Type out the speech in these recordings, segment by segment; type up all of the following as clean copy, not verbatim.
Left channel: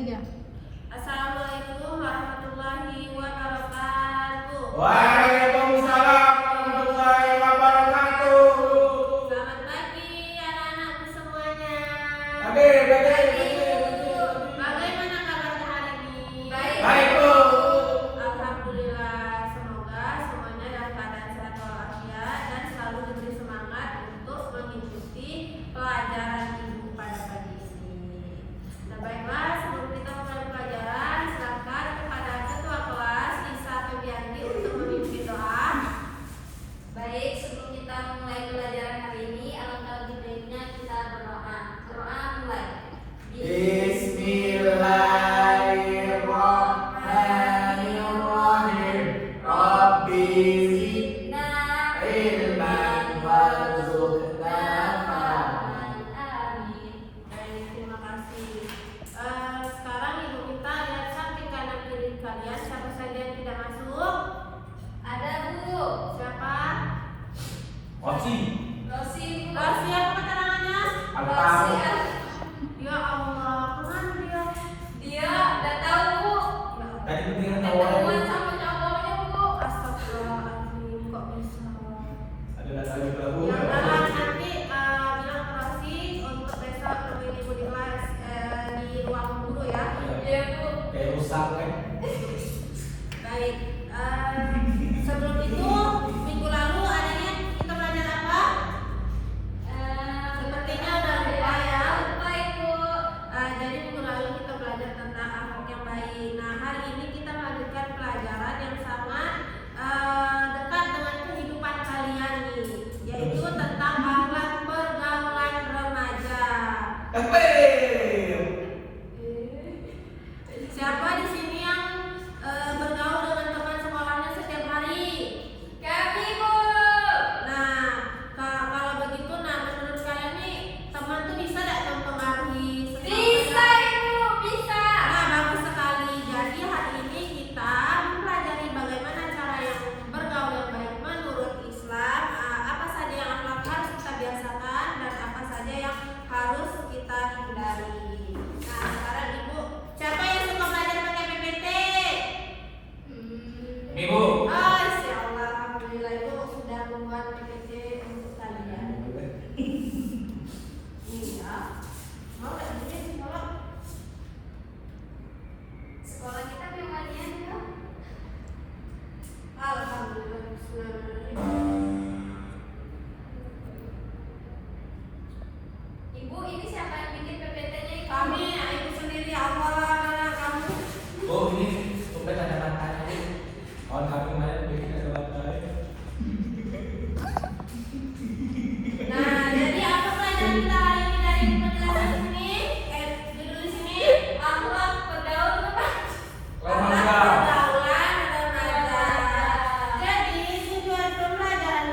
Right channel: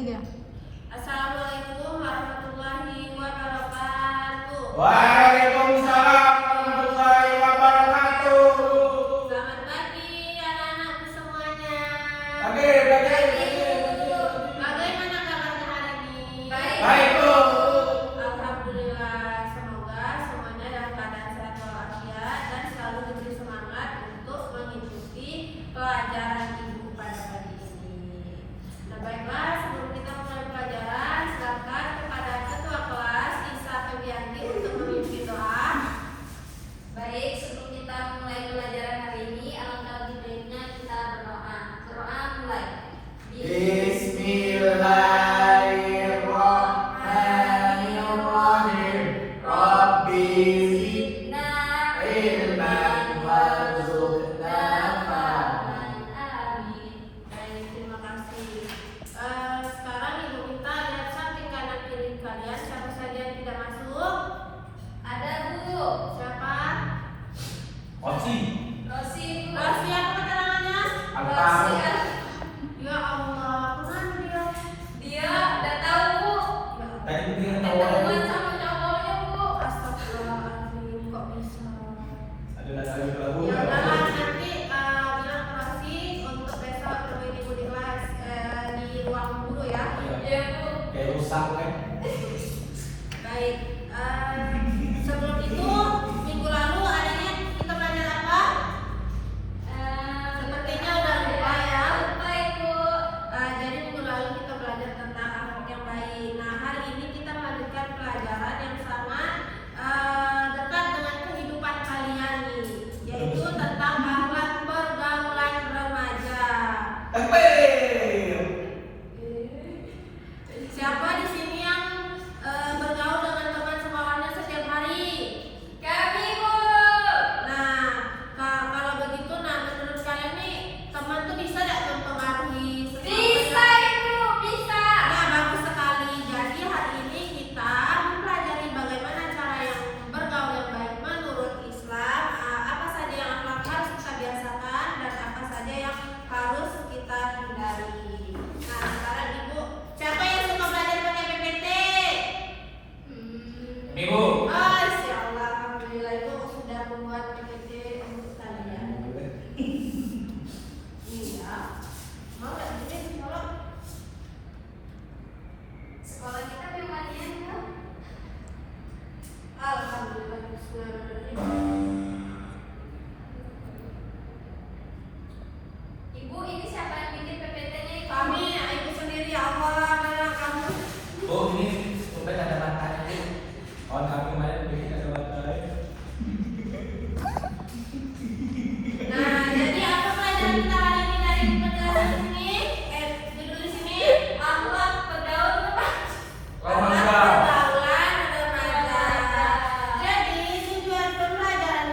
Ya. Assalamualaikum warahmatullahi wabarakatuh. Waalaikumsalam warahmatullahi wabarakatuh. Selamat pagi anak-anakku semuanya. Bagaimana kabarnya hari ini? Baik, Bu. Alhamdulillah, semoga semuanya dalam keadaan sehat walafiat dan selalu diberi semangat untuk mengikuti pelajaran ibu pada pagi ini. Nah, baiklah, sebelum kita mulai pelajaran, silakan kepada ketua kelas Nisa Febianti untuk memimpin doa. Baik, sebelum kita mulai pelajaran hari ini, alangkah lebih baiknya kita berdoa. Berdoa mulai. Bismillahirrahmanirrahim. Rabbi Zidna ilman warzuqna fahman. Amin. Baik, terima kasih. Sekarang ibu minta lihat samping kanan kiri kalian siapa saja yang tidak masuk. Ada Bu. Siapa? Oci. Rosi. Rosi, apa keterangannya? Apa? Ya Allah, kemana dia? Dia udah tahu Bu. Tadi mendingan Ketemuan tawarin. sama cowoknya Bu. Astagfirullahaladzim, kok bisa? Ada lagu. Ya udah, nanti bilang Rosi untuk besok temuin ibu di kelas di ruang guru ya. Iya Bu. Kayak rusak kan? Baik, sebelum itu minggu lalu adanya kita belajar apa? Sepertinya udah lupa ya. Lupa Ibu. Jadi minggu lalu kita belajar tentang akhlak yang baik. Nah, hari ini kita melanjutkan pelajaran yang sama dekat dengan kehidupan kalian nih, yaitu tentang akhlak pergaulan remaja. Siapa di sini yang bergaul dengan teman sekolahnya setiap hari? Kami Bu. Nah, kalau begitu, menurut kalian nih teman tuh bisa nggak mempengaruhi sesuatu Bisa yang- Ibu, bisa. Nah, bagus sekali. Jadi hari ini kita mempelajari bagaimana cara yang bergaul yang baik menurut Islam. Apa saja yang harus kita biasakan dan apa saja yang harus kita hindari. Nah, sekarang ibu, siapa yang suka belajar pakai PPT? Minggu. Oh, insya Allah, alhamdulillah ibu sudah membuat PPT untuk kalian. Iya. Mau nggak gini sekolah? Sekolah kita gimana kan? Alhamdulillah, bismillahirrahmanirrahim. Ibu, ini siapa yang bikin PPT-nya itu? Kami, ibu sendiri, apa mana kamu? Oh, ini sudah ada makannya nih. Oh, kami kemarin bikin ada makannya. Nah, jadi apa pelajaran kita hari ini dari penjelasan ini? Ditulis sini. Akhlak bergaul Remaja. Pergaulan remaja. Jadi tujuan pembelajaran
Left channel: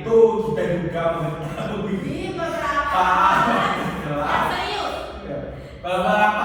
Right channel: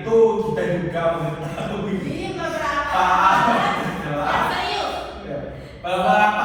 itu kita juga mengetahui Ini beberapa. Ah, Serius. beberapa